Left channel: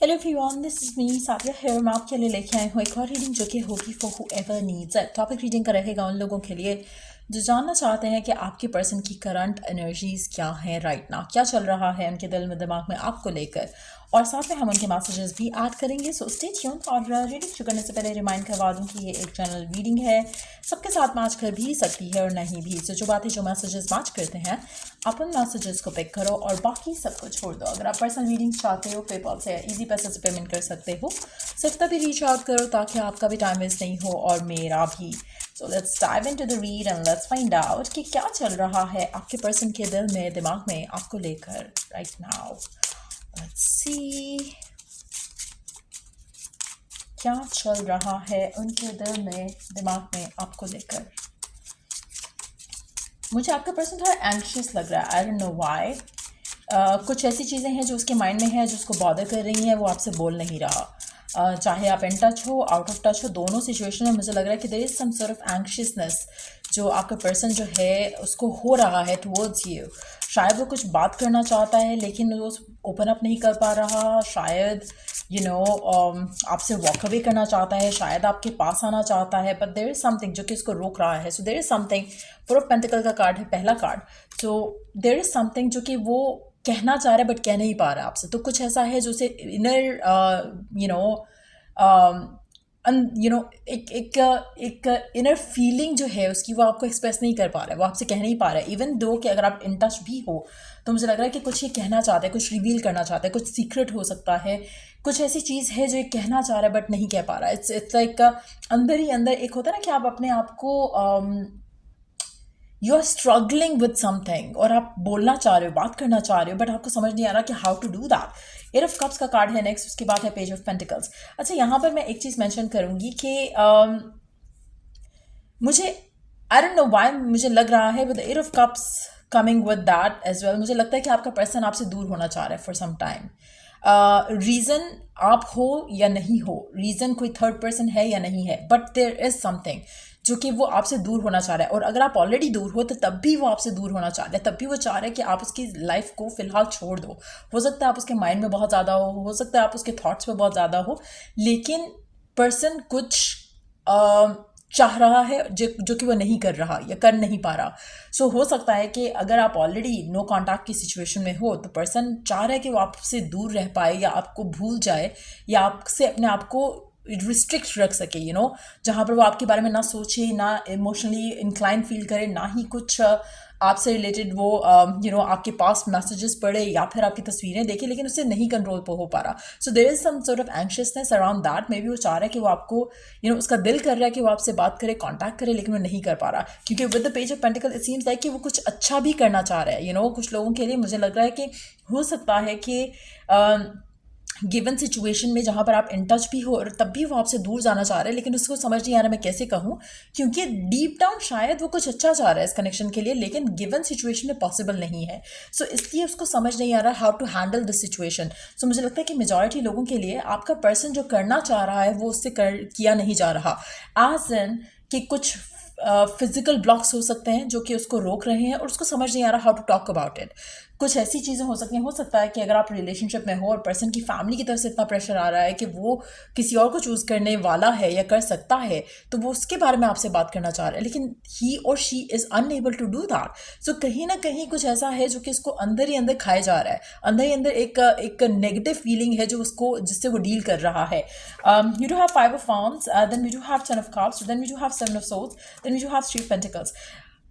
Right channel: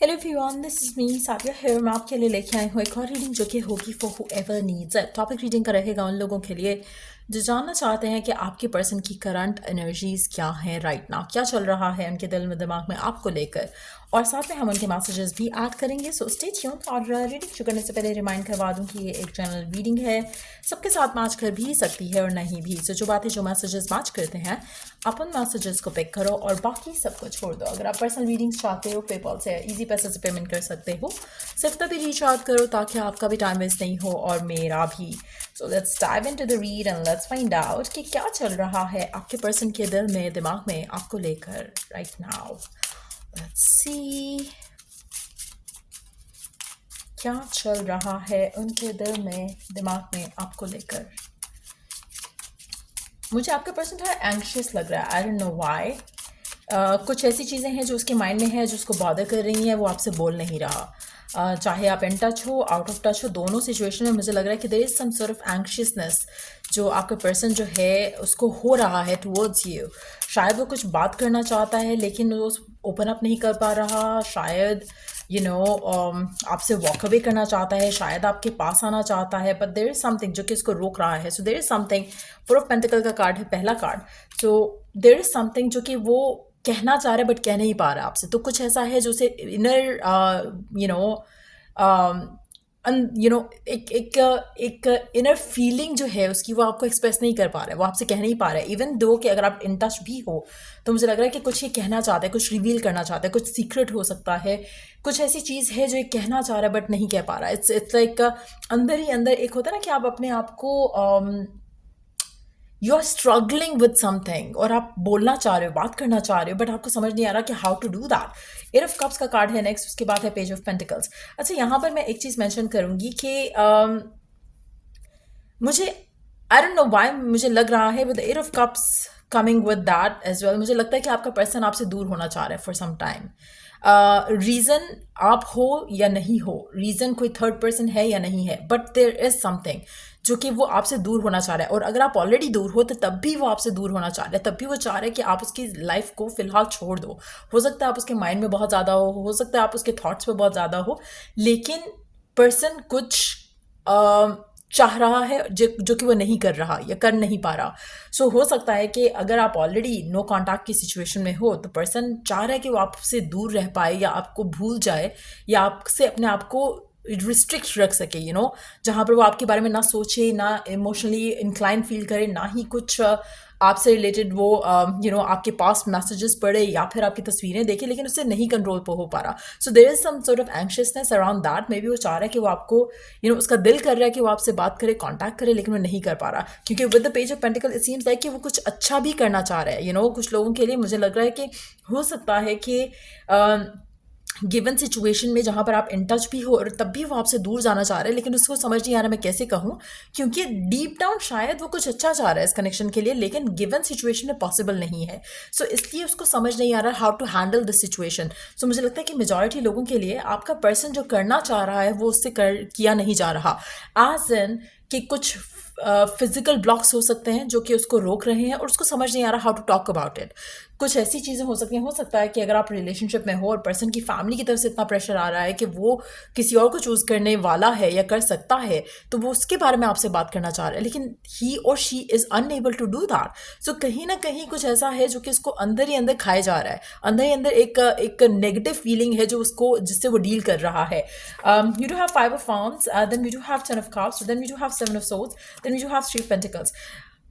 Hello everyone, this is me Sadia here. मैं आपके लिए लेके आई हूँ एक और रीडिंग जो कि होगी for whoever needs it. Topic reading का रहेगा उन लोगों के लिए जो जानना चाहते हैं कि आपके पर्सन की करंट एनर्जीज क्या हैं राइट नाउ, क्या चल रहा है उनके दिल में दिमाग में आपको लेकर, और साथ में हम उनके मैसेजेस भी ऐड करेंगे। So stay tuned. और रीडिंग शुरू करने से पहले रिमाइंड करवा दूं कि ये एक जनरल रीडिंग है, सबके साथ मैच कर भी सकती है और नहीं भी। सो जो बातें जो मैसेजेस मैच करते हैं आप उन मैसेजेस को पिक करो और बाकी सबको छोड़ दो। अगर आप पर्सनल रीडिंग्स चाहते हो पेपल से इजी पैसे से पेमेंट कर सकते हो, सिर्फ तभी रीच आउट करो ताकि आपका भी टाइम वेस्ट नहीं हो और मेरा भी। So let's dive into the read and let's find out कि क्या चल रहा है आपके पर्सन के दिल में दिमाग में आपको लेकर राइट नाउ। लेट्स सी क्या चल रहा है उनके दिल में दिमाग में आपको लेकर। मुझे आपका पर्सन थोड़ा एंग्शियस लग रहा है, आई डोंट नो व्हाई। कुछ ऐसी चीज़ें हैं जो उसके माइंड में है जो उसको बॉदर कर रही हैं, वो आपसे बोल नहीं रहा। चाहे आप इन टच हो आउट ऑफ टच हो, दोनों सिचुएशन में मुझे लग रहा है कि there is some sort of anxiousness जो आपका पर्सन जो है उसको हो रहा है टुवर्ड्स यू। शायद वो कुछ बात करना चाहता है लेकिन वो ओपन अप नहीं कर पा रहा। शायद आपसे वॉक अवे करना चाहता है, शायद आपके पास आना चाहता है, बट देयर इज समथिंग जो कि उसको रोक रहा है। So there is something. Four of pentacle का कार्ड है पहला card. So there is something जो कि वो कहना चाह रहा है बट कह नहीं पा रहा आपसे। तो कुछ ऐसा है जो उसे इनर यू नो एक एक एक इनर फीलिंग जो है उसकी वो आपको एक्सप्रेस नहीं कर पा रहा है, वो आपसे कह नहीं पा रहा है। इवन दो कि अगर आप इन टच भी हो तो मुझे लग रहा है कि कुछ ये कहना चाहते हैं, कुछ रिवील करना चाहते हैं, कुछ सीक्रेट हो सकता है, कुछ ऐसी चीज़ है जो ये कहना चाह रहा है बट नहीं कह पा रहा है। इट्स लाइक अंदर ही अंदर एक होता है ना कि आप अपने आप को you are struggling with something और आप बोलना चाह रहे हो, बात करना चाह रहे हो, बट आपको समझ नहीं आ रहा कि how to do that. Eight of cups का कार्ड है नेक्स्ट, उसके बाद है पेज ऑफ पेंटिकल्स। अच्छा, यहाँ पर मैं एक चीज़ मेंशन करूंगी कि मुझे आई डोंट नो व्हाई मुझे लग रहा है with eight of cups coming with that as well, मुझे लगता है कि आपका पर्सन आपसे दूर होना चाह रहा है फॉर सम टाइम। रीज़न आप हो या नहीं हो, रीज़न कोई थर्ड पर्सन है या नहीं है, बट देयर इज समथिंग जो कि वो आपसे दूर होना चाह रहा है। और अगर आप ऑलरेडी दूर हो तो तब भी वो आपसे दूर होना चाह रहा है, तब भी वो चाह रहा है कि आप उसकी लाइफ को फिलहाल छोड़ दो। हो सकता है आप उसके माइंड में बहुत ज़्यादा हो सकता है आप उसके थॉट्स में बहुत ज़्यादा हो, लेकिन पर्सन कुछ चाह रहा है जो कि वो नहीं कर रहा या कर नहीं पा रहा। सो हो सकता है कि अगर आप ऑलरेडी नो कांटेक्ट की सिचुएशन में हो तो पर्सन चाह रहा है कि वो आपसे दूर रह पाए या आपको भूल जाए या आपसे अपने आप को रिस्ट्रिक्ट रख सके, जहाँ पर वो आपके बारे में ना सोचे, ना इमोशनली इंक्लाइन फील करे, ना ही कुछ आपसे रिलेटेड वो आपके पास मैसेजेस पढ़े या फिर आपकी तस्वीरें देखे, लेकिन उससे नहीं कंट्रोल हो पा रहा। So there is some sort of anxiousness around that. Maybe वो चाह रहा है कि वो आपको उसका दिल कर रहा है कि वो आपसे बात करे, कांटेक्ट करे, लेकिन वो नहीं कर पा रहा क्योंकि with the page of pentacle it seems like कि वो कुछ अच्छा भी करना चाह रहा है। कुछ लोगों के लिए मुझे लग रहा है कि हो सकता है कि गिवन सिचुएशन में जहाँ पर आप इन टच भी हो और तब भी वो आपसे दूर जाना चाह रहे हैं, लेकिन उसको समझ नहीं आ रहा मैं कैसे कहूँ, क्योंकि डीप डाउन शायद वो कुछ अच्छा चाह रहा है इस कनेक्शन के लिए, लेकिन गिवन सिचुएशन में पॉसिबल नहीं है। सो इसलिए उसको समझ नहीं आ रहा how to handle this situation. So मुझे लगता है कि मेजॉरिटी लोगों के लिए आपका पर्सन जो करना चाह रहा है वो उससे किया नहीं जा रहा। एज इन कि कुछ फिजिकल ब्लॉक्स हो सकते हैं जो कि उसको रोक रहे हैं और उसको समझ नहीं आ रहा how to talk about it. कुछ ऐसी चीज़ें हो सकती हैं, हो सकता है कि अगर आप रिलेशनशिप में हो और पर्सन की फैमिली की तरफ से इतना प्रेशर आ रहा है कि वो किसी और को चूज़ करने वाला है या कर सकता है, तो वो उसके बारे में आपसे बात करना चाह रहा है, लेकिन he or she is unable to do that. So कहीं ना कहीं कुछ ऐसा है जो कि उसको अंदर ही अंदर खाए जा रहा है, अंदर ही अंदर एक नेगेटिव फीलिंग है जो उसको जिससे वो डील कर रहा है। You do have five of wands, then we do have ten of cups, then we do have seven of swords, then we do have three of pentacles.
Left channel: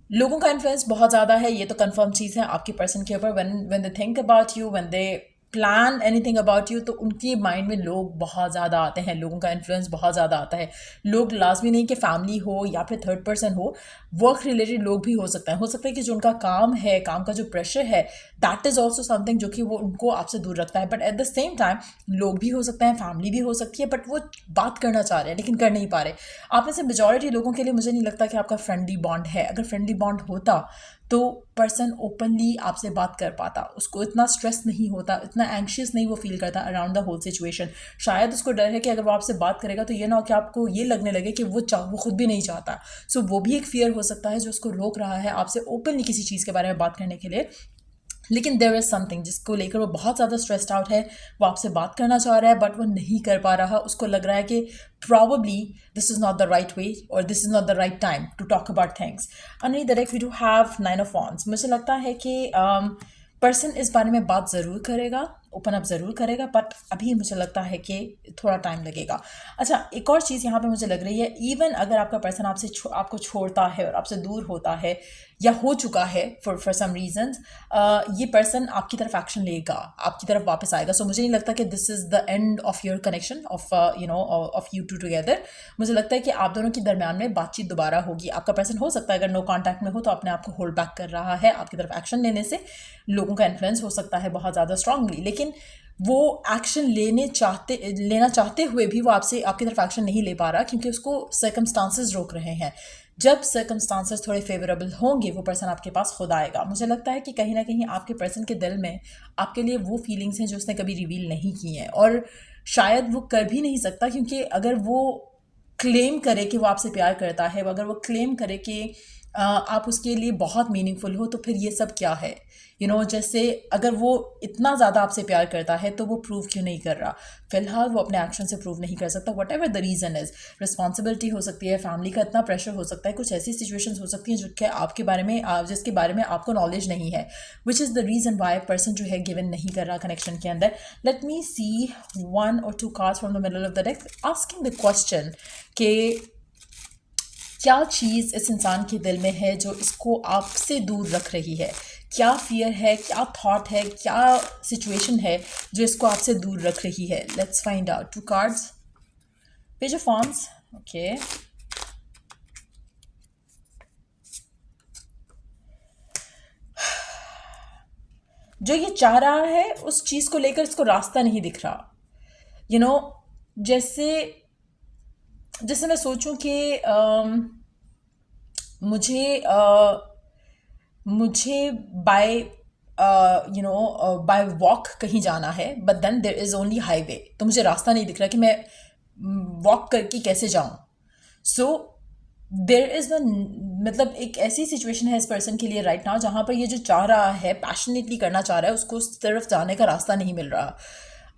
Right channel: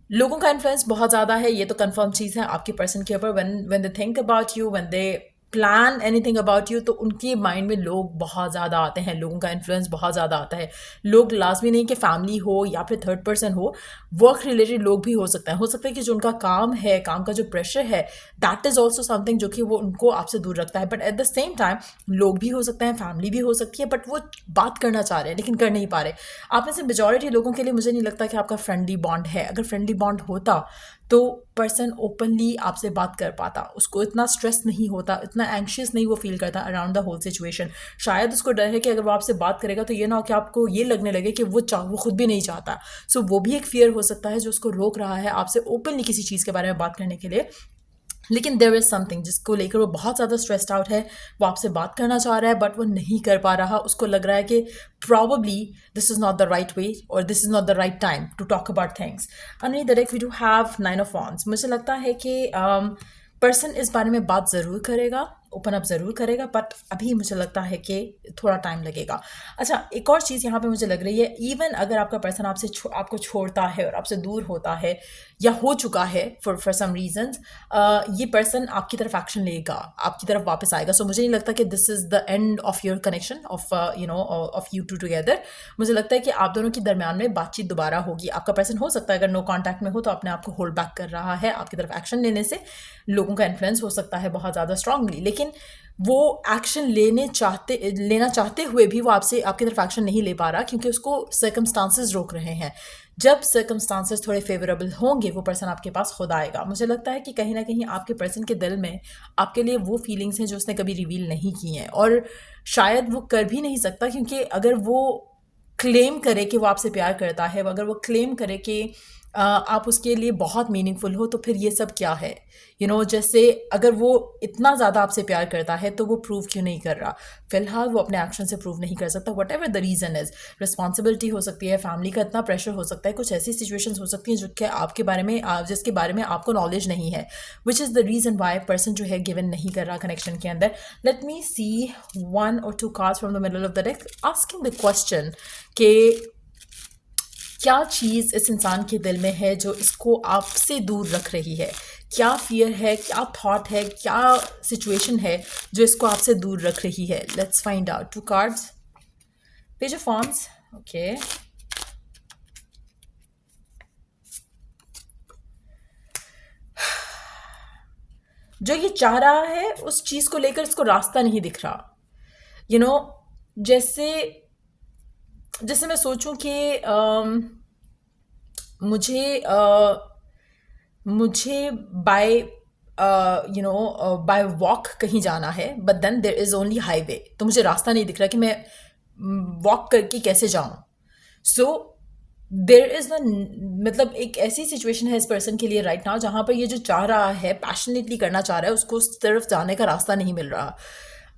लोगों का इन्फ्लुएंस बहुत ज़्यादा है, ये तो कंफर्म चीज़ है आपके पर्सन के ऊपर। When they think about you, when they plan anything about you, तो उनकी माइंड में लोग बहुत ज़्यादा आते हैं, लोगों का इन्फ्लुएंस बहुत ज़्यादा आता है। लोग लाजमी नहीं कि फैमिली हो या फिर थर्ड पर्सन हो, वर्क रिलेटेड लोग भी हो सकते हैं। हो सकता है कि जो उनका काम है, काम का जो प्रेशर है, दैट इज़ ऑल्सो समथिंग जो कि वो उनको आपसे दूर रखता है। But at the same time लोग भी हो सकते हैं, फैमिली भी हो सकती है, बट वो बात करना चाह रहे हैं लेकिन कर नहीं पा रहे। आप में से मेजॉरिटी लोगों के लिए मुझे नहीं लगता कि आपका फ्रेंडली बॉन्ड है। अगर फ्रेंडली बॉन्ड होता तो पर्सन ओपनली आपसे बात कर पाता, उसको इतना स्ट्रेस नहीं होता, इतना एंग्शियस नहीं वो फील करता अराउंड द होल सिचुएशन। शायद उसको डर है कि अगर वो आपसे बात करेगा तो ये ना हो कि आपको ये लगने लगे कि वो खुद भी नहीं चाहता। सो वो भी एक फियर हो सकता है जो उसको रोक रहा है आपसे ओपनली किसी चीज़ के बारे में बात करने के लिए। लेकिन देयर इज समथिंग जिसको लेकर वो बहुत ज़्यादा स्ट्रेस्ड आउट है, वो आपसे बात करना चाह रहा है बट वो नहीं कर पा रहा, उसको लग रहा है कि probably this is not the right way or this is not the right time to talk about things. नहीं direct we do have 9 of wands. मुझे लगता है कि पर्सन इस बारे में बात ज़रूर करेगा, ओपन अप ज़रूर करेगा, बट अभी मुझे लगता है कि थोड़ा टाइम लगेगा। अच्छा, एक और चीज़ यहाँ पे मुझे लग रही है, इवन अगर आपका पर्सन आपको छोड़ता है और आपसे दूर होता है या हो चुका है फॉर सम रीजंस, ये पर्सन आपकी तरफ एक्शन लेगा, आपकी तरफ वापस आएगा। सो मुझे नहीं लगता कि this is the end of your connection of of you to together. मुझे लगता है कि आप दोनों के दरमियान में बातचीत दोबारा होगी। आपका पर्सन हो सकता है अगर नो कॉन्टैक्ट में हो तो अपने आप को होल्ड बैक कर रहा है आपकी तरफ एक्शन लेने से, लोगों का इन्फ्लुएंस हो सकता है बहुत ज़्यादा स्ट्रांगली, लेकिन वो एक्शन लेना चाहते हुए भी वो आपसे आपकी तरफ एक्शन नहीं ले पा रहा क्योंकि उसको सर्कमस्टांसेस रोक रहे हैं। जब सर्कमस्टांसेस थोड़े फेवरेबल होंगे वो पर्सन आपके पास खुद आएगा। मुझे लगता है कि कहीं ना कहीं आपके पर्सन के दिल में आपके लिए वो फीलिंग्स हैं जो उसने कभी रिवील नहीं की हैं, और शायद वो कर भी नहीं सकता, क्योंकि अगर वो क्लेम करे कि वो आपसे प्यार करता है, अगर वो क्लेम करे कि आप उसके लिए बहुत मीनिंगफुल हो, तो फिर ये सब क्या है? जैसे अगर वो इतना ज़्यादा आपसे प्यार करता है तो वो प्रूव क्यों नहीं कर रहा? फिलहाल वो अपने एक्शन से प्रूव नहीं कर सकता, what ever the reason is. Responsibility हो सकती है, फैमिली का इतना प्रेशर हो सकता है, कुछ ऐसी सिचुएशंस हो सकती हैं जो कि आपके बारे में जिसके बारे में आपको नॉलेज नहीं है, which is the reason why person जो है गिवन नहीं कर रहा कनेक्शन के अंदर। Let me see 1 or 2 cards from the middle of the deck asking the question कि क्या चीज़ इस इंसान के दिल में है जो इसको आपसे दूर रख रही है? क्या फियर है, क्या थॉट है, क्या सिचुएशन है जो इसको आपसे दूर रख रही है? Let's find out. 2 cards, page of wands, okay. जो ये चाह रहा है उस चीज़ को लेकर इसको रास्ता नहीं दिख रहा। यू नो जैसे जैसे मैं सोचूं कि मुझे मुझे बाय बाय वॉक कहीं जाना है, but then there is only highway, तो मुझे रास्ता नहीं दिख रहा कि मैं वॉक करके कैसे जाऊं। सो देर इज़ द मतलब एक ऐसी सिचुएशन है इस पर्सन के लिए राइट नाउ जहाँ पर ये जो चाह रहा है, पैशनेटली करना चाह रहा है, उसको उस तरफ जाने का रास्ता नहीं मिल रहा।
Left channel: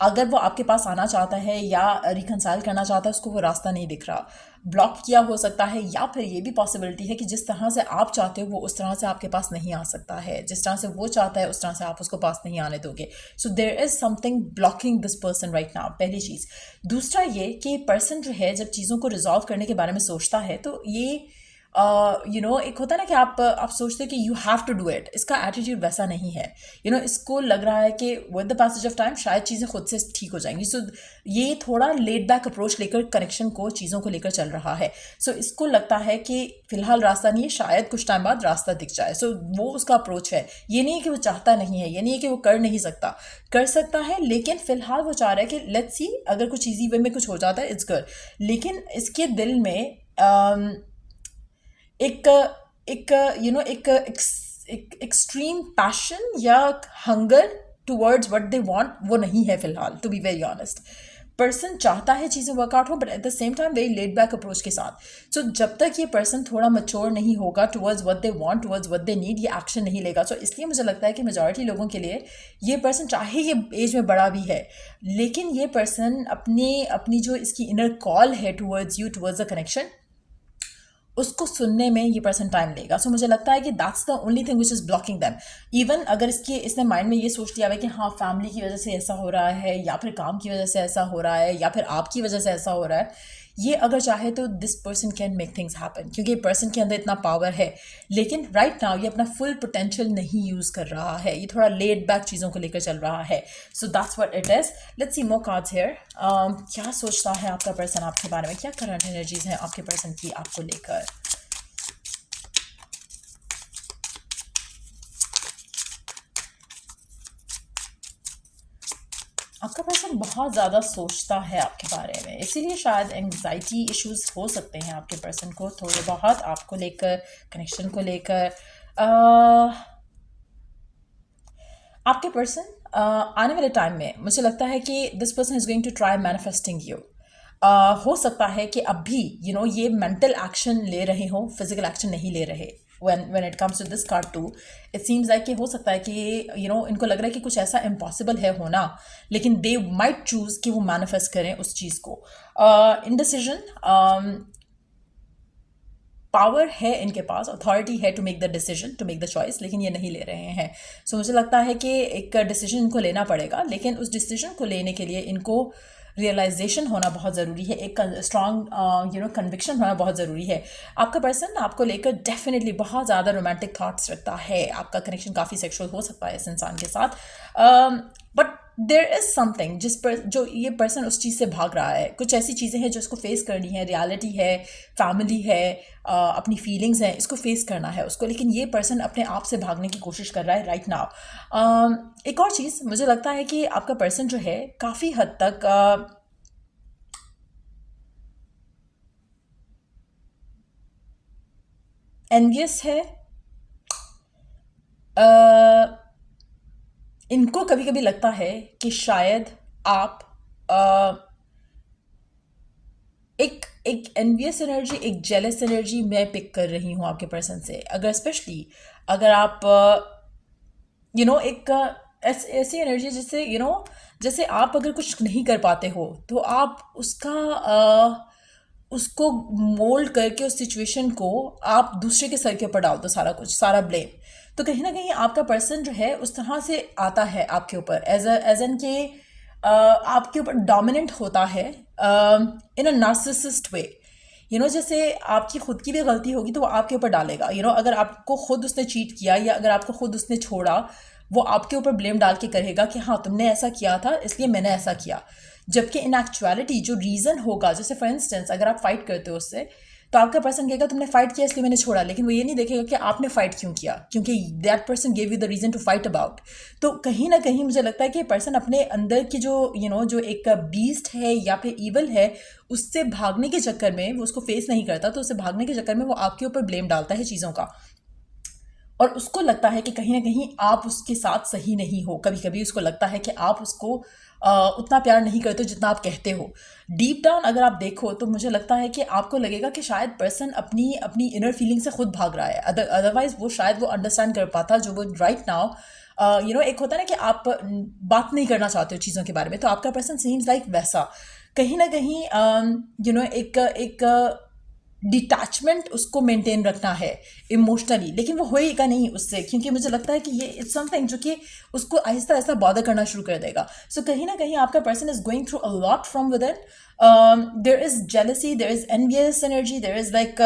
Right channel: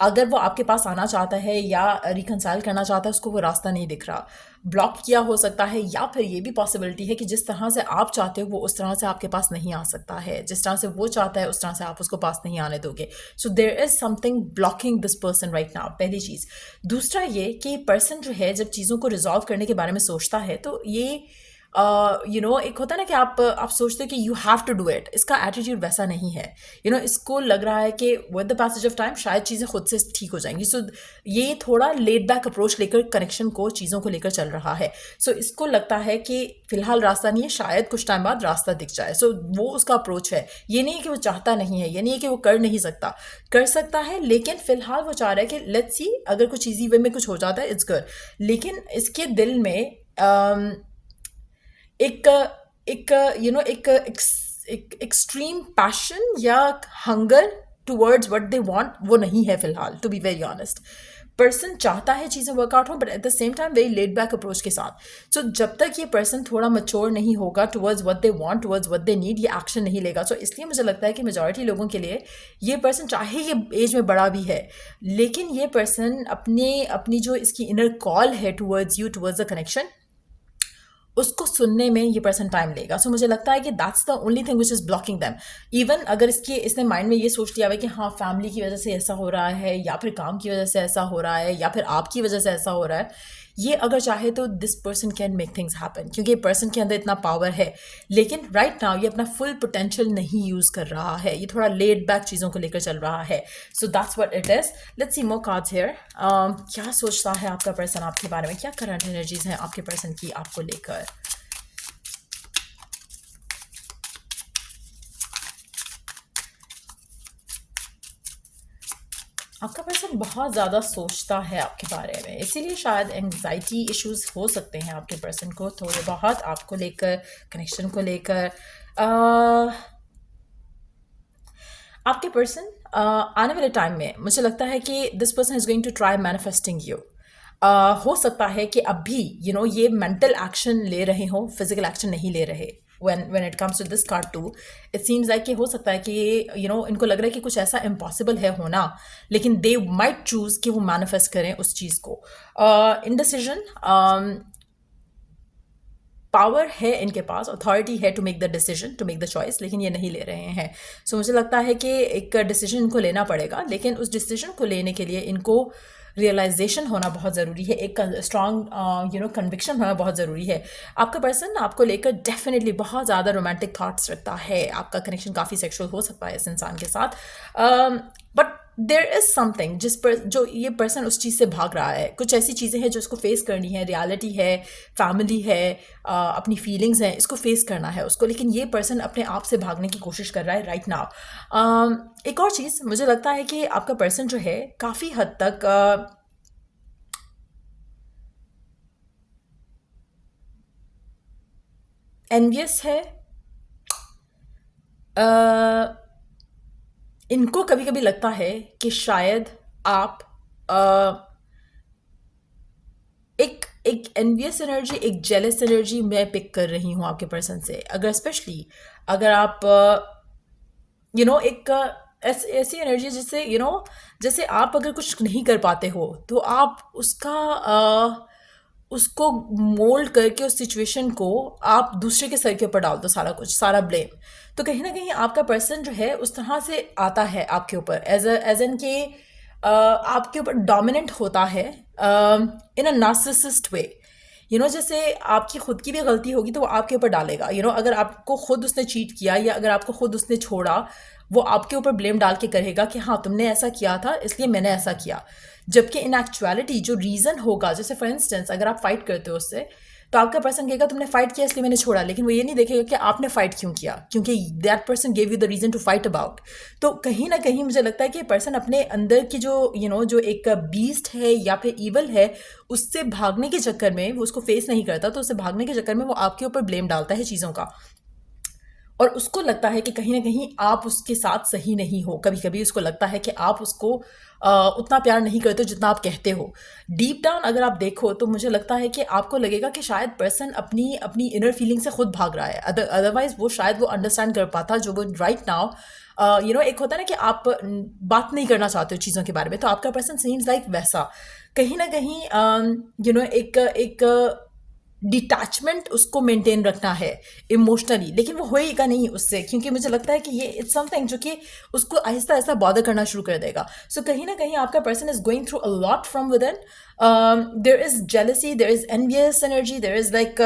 अगर वो आपके पास आना चाहता है या रिकनसाइल करना चाहता है, उसको वो रास्ता नहीं दिख रहा। ब्लॉक किया हो सकता है, या फिर ये भी पॉसिबिलिटी है कि जिस तरह से आप चाहते हो वो उस तरह से आपके पास नहीं आ सकता है, जिस तरह से वो चाहता है उस तरह से आप उसको पास नहीं आने दोगे। So there is something blocking this person right now, पहली चीज़। दूसरा ये कि पर्सन जो है जब चीज़ों को रिजॉल्व करने के बारे में सोचता है तो ये एक होता है ना कि आप सोचते हो कि you have to do it, इसका एटीट्यूड वैसा नहीं है। इसको लग रहा है कि with the passage of time शायद चीज़ें खुद से ठीक हो जाएंगी। सो ये थोड़ा लेड बैक अप्रोच लेकर कनेक्शन को, चीज़ों को लेकर चल रहा है। सो इसको लगता है कि फिलहाल रास्ता नहीं है, शायद कुछ टाइम बाद रास्ता दिख जाए। सो वो उसका अप्रोच है। ये नहीं है कि वो चाहता नहीं है, ये नहीं है कि वो कर नहीं सकता, कर सकता है, लेकिन फिलहाल वो चाह रहा है कि लेट्स सी, अगर कुछ ईजी वे में कुछ हो जाता है इट्स गुड। लेकिन इसके दिल में एक एक एक एक्सट्रीम पैशन या hunger towards what they want वो नहीं है फिलहाल, to be very honest. Person चाहता है चीज़ें वर्कआउट हो, but at the same time very laid back approach के साथ। सो जब तक ये पर्सन थोड़ा मच्योर नहीं होगा towards what they want, towards what they need, ये एक्शन नहीं लेगा। सो इसलिए मुझे लगता है कि मेजॉरिटी लोगों के लिए ये पर्सन, चाहे ये एज में बड़ा भी है, लेकिन ये पर्सन अपनी जो इसकी इनर कॉल है towards you, towards the connection, उसको सुनने में ये पर्सन टाइम लेगा। सो मुझे लगता है कि that's the only thing which is blocking them. Even अगर इसने माइंड में ये सोच लिया है कि हाँ फैमिली की वजह से ऐसा हो रहा है, या फिर काम की वजह से ऐसा हो रहा है, या फिर आपकी वजह से ऐसा हो रहा है, ये अगर चाहे तो this person can make things happen, क्योंकि पर्सन के अंदर इतना पावर है। लेकिन राइट नाउ ये अपना फुल पोटेंशियल नहीं यूज़ कर रहा है, ये थोड़ा लेड बैक चीज़ों को लेकर चल रहा है। So that's what it is. Let's see more cards here. क्या सोचता है आपका पर्सन आपके बारे में? क्या करंट एनर्जीज हैं आपके पर्सन की आपको लेकर? आपका पर्सन बहुत ज़्यादा सोचता है आपके बारे में, इसीलिए शायद एंग्जाइटी इश्यूज हो सकते हैं आपके पर्सन को थोड़े बहुत आपको लेकर, कनेक्शन को लेकर। आपके पर्सन आने वाले टाइम में मुझे लगता है कि this person is going to try manifesting you. हो सकता है कि अभी ये मेंटल एक्शन ले रहे हो, फिजिकल एक्शन नहीं ले रहे, when it comes to this card too. It seems like कि हो सकता है कि इनको लग रहा है कि कुछ ऐसा इम्पॉसिबल है होना, लेकिन they might choose कि वो मैनिफेस्ट करें उस चीज़ को. Indecision, पावर है इनके पास, अथॉरिटी है to make the decision, to make the choice, लेकिन ये नहीं ले रहे हैं. सो मुझे लगता है कि एक डिसीजन इनको लेना पड़ेगा, लेकिन उस डिसीजन को लेने के लिए इनको रियलाइजेशन होना बहुत ज़रूरी है, एक स्ट्रॉन्ग कन्विक्शन होना बहुत ज़रूरी है. आपका पर्सन आपको लेकर डेफिनेटली बहुत ज़्यादा रोमांटिक थॉट्स रखता है. आपका कनेक्शन काफ़ी सेक्सुअल हो सकता है इस इंसान के साथ, बट देयर इज़ समथिंग जिस पर जो ये पर्सन उस चीज़ से भाग रहा है. कुछ ऐसी चीज़ें हैं जो इसको फेस करनी है, रियलिटी है, फैमिली है, अपनी फीलिंग्स हैं, इसको फेस करना है उसको, लेकिन ये पर्सन अपने आप से भागने की कोशिश कर रहा है राइट नाउ. एक और चीज़ मुझे लगता है कि आपका पर्सन जो है काफ़ी हद तक एनवियस है. इनको कभी कभी लगता है कि शायद आप एक एनवियस एनर्जी, एक जेलस एनर्जी मैं पिक कर रही हूँ आपके पर्सन से. अगर स्पेशली अगर आप एक ऐसी एनर्जी जिससे जैसे आप अगर कुछ नहीं कर पाते हो तो आप उसको मोल्ड करके उस सिचुएशन को आप दूसरे के सर के ऊपर डाल दो, सारा कुछ, सारा ब्लेम. तो कहीं ना कहीं आपका पर्सन जो है उस तरह से आता है आपके ऊपर एज एन के आपके ऊपर डोमिनेंट होता है इन अ नार्सिसिस्ट वे. जैसे आपकी खुद की भी गलती होगी तो वो आपके ऊपर डालेगा. अगर आपको खुद उसने चीट किया या अगर आपको खुद उसने छोड़ा, वो आपके ऊपर ब्लेम डाल के कहेगा कि हाँ तुमने ऐसा किया था इसलिए मैंने ऐसा किया. जबकि इन एक्चुअलिटी जो रीज़न होगा, जैसे फॉर इंस्टेंस अगर आप फाइट करते हो उससे, तो आपका पर्सन कहेगा तुमने फाइट किया इसलिए मैंने छोड़ा, लेकिन वो ये नहीं देखेगा कि आपने फाइट क्यों किया, क्योंकि that person gave you the reason to fight about. तो कहीं ना कहीं मुझे लगता है कि पर्सन अपने अंदर की जो एक बीस्ट है या फिर ईवल है, उससे भागने के चक्कर में वो उसको फेस नहीं करता, तो उससे भागने के चक्कर में वो आपके ऊपर ब्लेम डालता है चीज़ों का. और उसको लगता है कि कहीं ना कहीं आप उसके साथ सही नहीं हो. कभी कभी उसको लगता है कि आप उसको उतना प्यार नहीं करते जितना आप कहते हो. डीप डाउन अगर आप देखो तो मुझे लगता है कि आपको लगेगा कि शायद पर्सन अपनी अपनी इनर फीलिंग से खुद भाग रहा है. अदरवाइज वो शायद वो अंडरस्टैंड कर पाता जो वो राइट नाउ. एक होता है ना कि आप बात नहीं करना चाहते हो चीज़ों के बारे में, तो आपका पर्सन सीम्स लाइक वैसा. कहीं ना कहीं एक डिटैचमेंट उसको मेंटेन रखना है इमोशनली, लेकिन वो होएगा नहीं उससे, क्योंकि मुझे लगता है कि ये इट्स समथिंग जो कि उसको आहिस्ता आहिस्ता बॉदर करना शुरू कर देगा. सो कहीं ना कहीं आपका person is going through a lot from within. There is jealousy, there is envious energy, there is like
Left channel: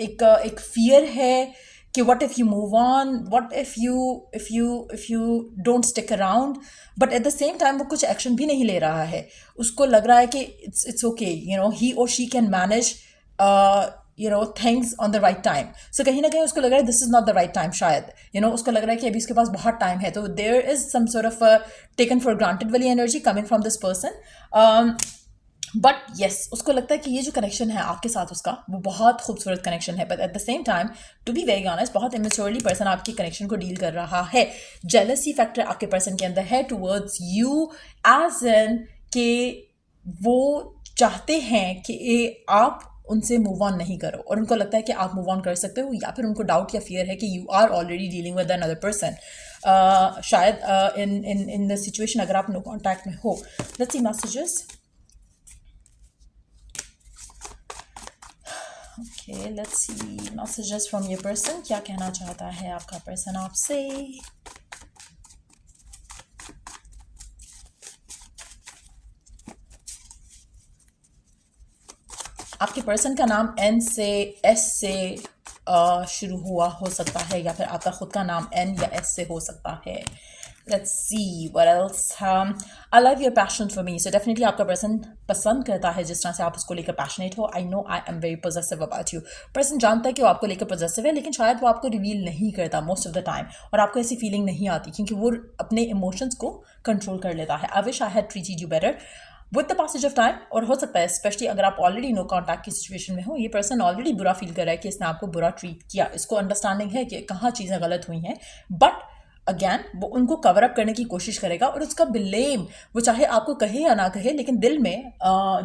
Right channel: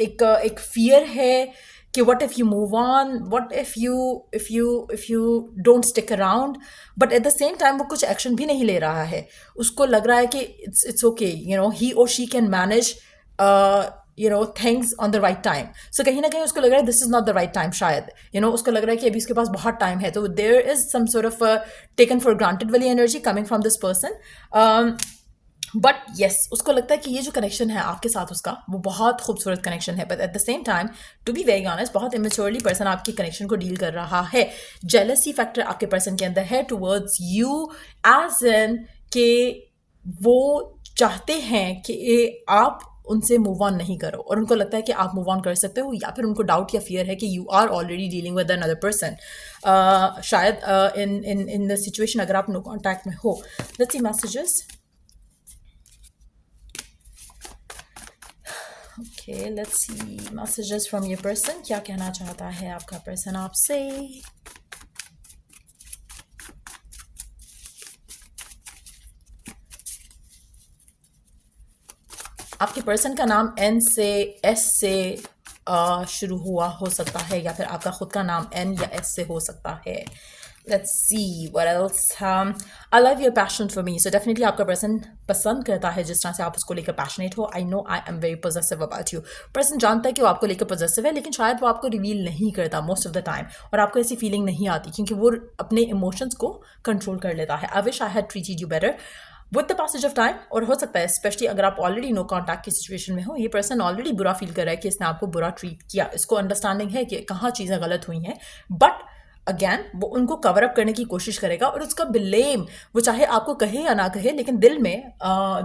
एक फियर है कि what if you move on, what if you don't stick around, but at the same time वो कुछ action भी नहीं ले रहा है. उसको लग रहा है कि it's okay, he or she can manage things on the right time. So कहीं ना कहीं उसको लग रहा है this is not the right time शायद. उसको लग रहा है कि अभी उसके पास बहुत टाइम है. तो there is some sort of a taken for granted वाली energy coming from this person. But yes, उसको लगता है कि ये जो कनेक्शन है आपके साथ उसका, वो बहुत खूबसूरत कनेक्शन है. But at the same time, to be very honest, बहुत इमेच्योरली पर्सन आपकी कनेक्शन को डील कर रहा है. जेलसी फैक्टर आपके पर्सन के अंदर है टुवर्ड्स यू, एज एन के वो चाहते हैं कि आप उनसे मूव ऑन नहीं करो, और उनको लगता है कि आप मूव ऑन कर सकते हो, या फिर उनको डाउट या फियर है कि you are already dealing with another person. शायद इन द सिचुएशन अगर आप नो कॉन्टैक्ट में हो. Let's see messages. Okay, let's see messages from your person. क्या कहना चाहता है आपका पर्सन आपसे? आपके पर्सन का नाम N से S से शुरू हुआ हो सकता है, या फिर आपका खुद का नाम N या S से हो सकता है. Let's see what else. I love your passion for me. So definitely आपका पर्सन पसंद करता है जिस तरह से आप उसको लेकर पैशनेट हो. I know I am very possessive about you. Person जानता है कि वो आपको लेकर possessive है, लेकिन शायद वो आपको रिवील नहीं करता most of the time, और आपको ऐसी फीलिंग नहीं आती क्योंकि वो अपने इमोशंस को कंट्रोल कर लेता है. I wish I had treated you better. With the passage of time, और हो सकता है स्पेशली अगर आप ऑलरेडी नो कॉन्टैक्ट की सिचुएशन में हो, ये पर्सन ऑलरेडी बुरा फील कर रहा है कि इसने आपको बुरा ट्रीट किया. इसको अंडरस्टैंडिंग है कि कहाँ चीज़ें गलत हुई हैं, बट अगेन वो उनको कवर अप करने की कोशिश करेगा और उसका ब्लेम वो चाहे आपको कहे या ना कहे, लेकिन दिल में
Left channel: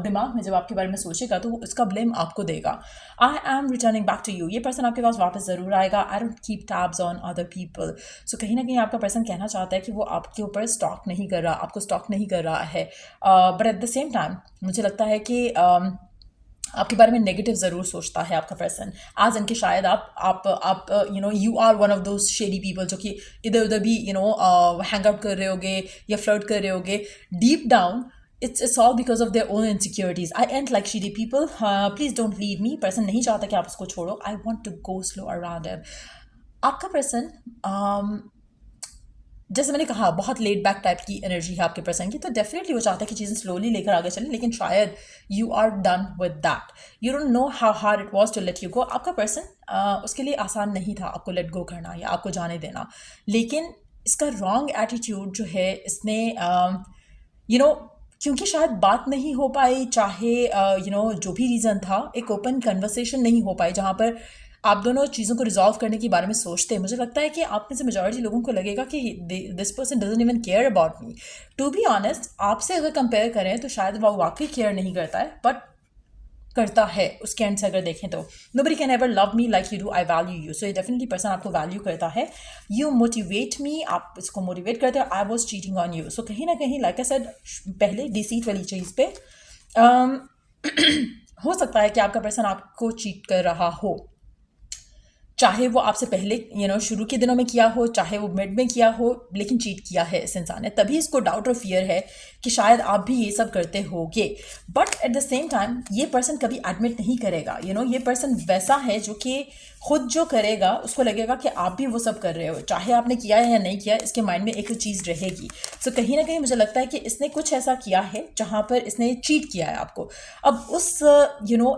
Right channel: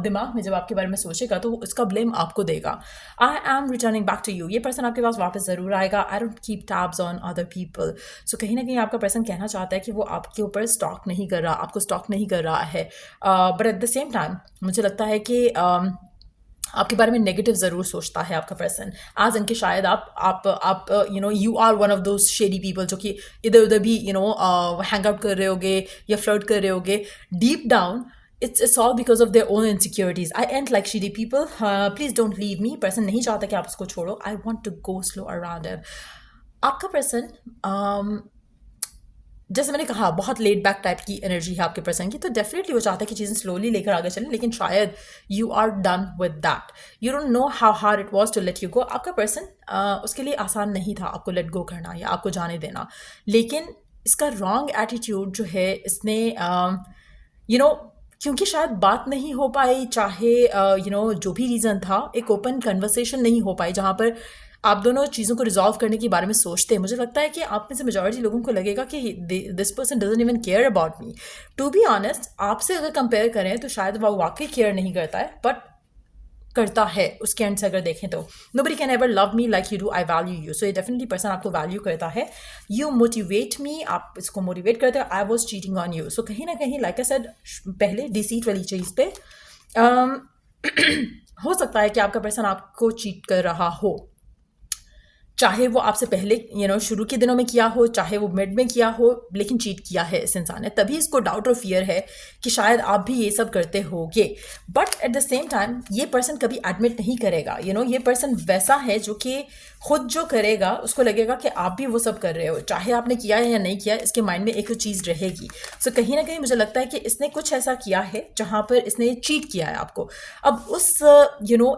दिमाग में जब आपके बारे में सोचेगा तो वो उसका ब्लेम आपको देगा। I am returning back to you, ये पर्सन आपके पास वापस ज़रूर आएगा। I don't keep tabs on other people. So कहीं ना कहीं आपका पर्सन कहना चाहता है कि वो आपके ऊपर स्टॉक नहीं कर रहा, आपको स्टॉक नहीं कर रहा है, but at the same time मुझे लगता है कि आपके बारे में नेगेटिव ज़रूर सोचता है आपका पर्सन। आज इनके शायद आप you are one of those shady people जो कि इधर उधर भी हैंग आउट कर रहे होगे या फ्लर्ट कर रहे होगे। Deep down it's all because of their own insecurities. I ain't like shady people. Please don't leave me. Person नहीं चाहता कि आप उसको छोड़ो. I want to go slow around him. आपका पर्सन जैसे मैंने कहा बहुत लेड बैक टाइप की एनर्जी है आपके पर्सन की, तो डेफिनेटली वो चाहता है कि चीज़ें स्लोली लेकर आगे चलें, लेकिन शायद you are done with that. You don't know how hard it was to let you go. आपका पर्सन उसके लिए आसान नहीं था आपको लेट गो करना या आपको जाने देना, लेकिन इसका रॉन्ग एटीट्यूड जो है इसने क्योंकि शायद बात नहीं हो पाई, चाहे जो भी रीज़न था, एक ओपन कन्वर्सेशन नहीं हो पाई जहाँ पर आप दोनों चीज़ों को रिजॉल्व करने के बारे में सोचते हैं। मुझे लगता है कि आप में से मेजॉरिटी लोगों को लगेगा कि this person doesn't even care about me. To be honest, आपसे अगर कंपेयर करें तो शायद वो वाकई केयर नहीं करता है, बट करता है उसके एंड से अगर देखें तो। Nobody can ever love me like you do, I value you. So ये डेफिनेटली पर्सन आपको वैल्यू करता है। यू मोटिवेट मी, आप इसको मोटिवेट करते हो। I was cheating on you. So कहीं ना कहीं लाइक आई सेड पहले डिसीट वाली चीज़ पे हो सकता है कि आपका पर्सन आपको चीट कर रहा हो, चाहे वो आपसे पहले शुरू के दिनों में किया हो, चाहे वो मिड में किया हो, लेकिन चीट किया है इस इंसान ने। तभी इसको डाउट और फियर है कि शायद आप भी ये सब करते होगे। But at the same time ये पर्सन कभी एडमिट नहीं करेगा। ये पर्सन वैसा है जो कि खुद जो करेगा उसको लगेगा कि आप भी वो सब कर रहे हो, चाहे आपने किया है या नहीं किया, इसके माइंड में एक चीज़ रहेगी। सो कहीं ना कहीं मुझे लगता है कि इसने कुछ ऐसा किया है जहाँ पर इसने चीट किया है आपको। अब उस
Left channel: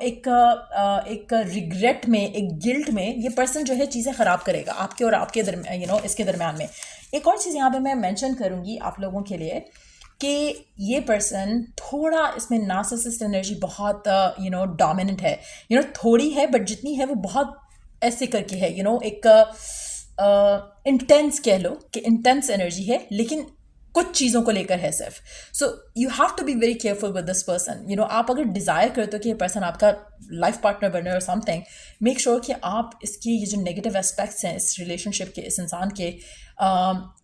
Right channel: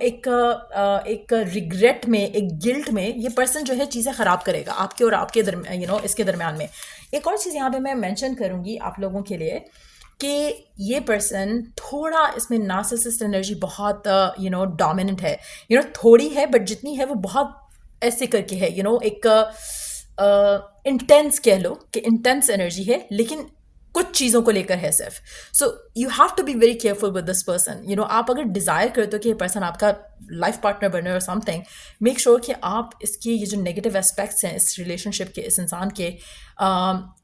एक रिग्रेट में, एक गिल्ट में ये पर्सन जो है चीज़ें ख़राब करेगा आपके और आपके दरमियान इसके दरमियान में। एक और चीज़ यहाँ पे मैं मेंशन करूँगी आप लोगों के लिए कि ये पर्सन थोड़ा इसमें नार्सिसिस्ट एनर्जी बहुत डोमिनेंट है। थोड़ी है, बट जितनी है वो बहुत ऐसे करके है, एक इंटेंस कह लो कि इंटेंस एनर्जी है, लेकिन कुछ चीज़ों को लेकर है सिर्फ। So you have to be very careful with this person. आप अगर डिज़ायर करते हो कि ये पर्सन आपका लाइफ पार्टनर बने और समथिंग, मेक श्योर कि आप इसके ये जो नेगेटिव एस्पेक्ट्स हैं इस रिलेशनशिप के, इस इंसान के,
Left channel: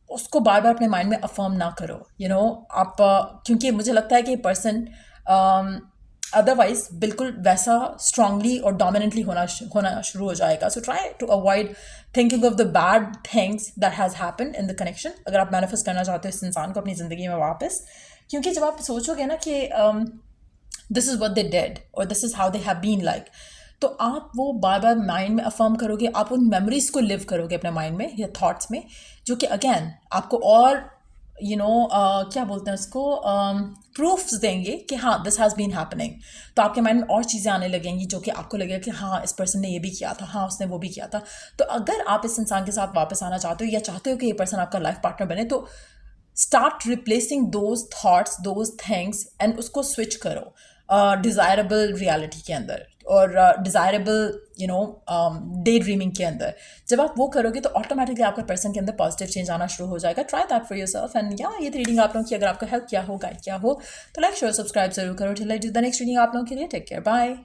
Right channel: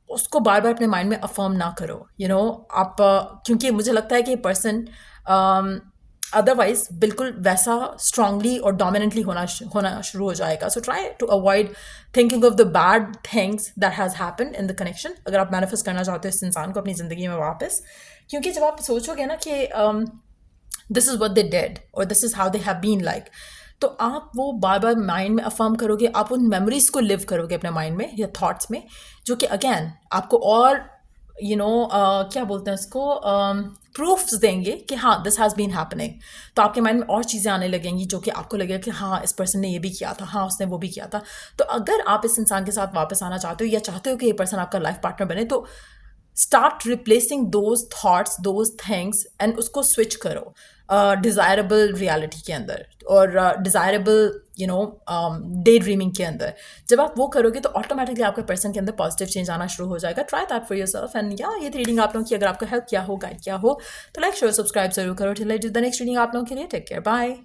उसको बार बार अपने माइंड में अफर्म ना करो। आप क्योंकि मुझे लगता है कि ये पर्सन अदरवाइज बिल्कुल वैसा स्ट्रांगली और डोमिनेंटली होना शुरू हो जाएगा। So try to avoid thinking of the bad things that has happen in the connection, अगर आप मैनिफेस्ट करना चाहते हो इस इंसान को अपनी ज़िंदगी में वापस। क्योंकि जब आप सोचोगे ना कि this is what they did और this is how they have been like, तो आप वो बार बार माइंड में अफर्म करोगे, आप उन मेमोरीज को लिव करोगे अपने माइंड में या थॉट्स में, जो कि अगेन आपको और क्या बोलते हैं उसको, प्रूफ्स देंगे कि हाँ दिस हैज़ बीन हैपनिंग। तो आपके माइंड में और चीज़ें आने लगेंगी जो कि आपको लगेगा कि हाँ इस पर्सन ने ये भी किया था, हाँ उसने वो भी किया था। तो अगर आप इस इंसान के साथ वापस आना चाहते हो या चाहते हो कि ये पर्सन आपका लाइफ पार्टनर बने, तो start replacing those thoughts, those things, and उसको स्विच करो डिज़ायरेबल रियलिटी के अंदर और डिज़ायरेबल डे ड्रीमिंग के अंदर। जब आप वो करोगे तो ऑटोमेटिकली आपके पर्सन के अंदर पॉजिटिव चेंज आना शुरू हो जाएगा। Try that for yourself. And ये रीडिंग आप लोगों की अगर आपको हेल्प किया हो, गाइड किया हो, तो लाइक शेयर सब्सक्राइब जरूर करो। Till I do the next reading आप लोगों के लिए। Take care, bye.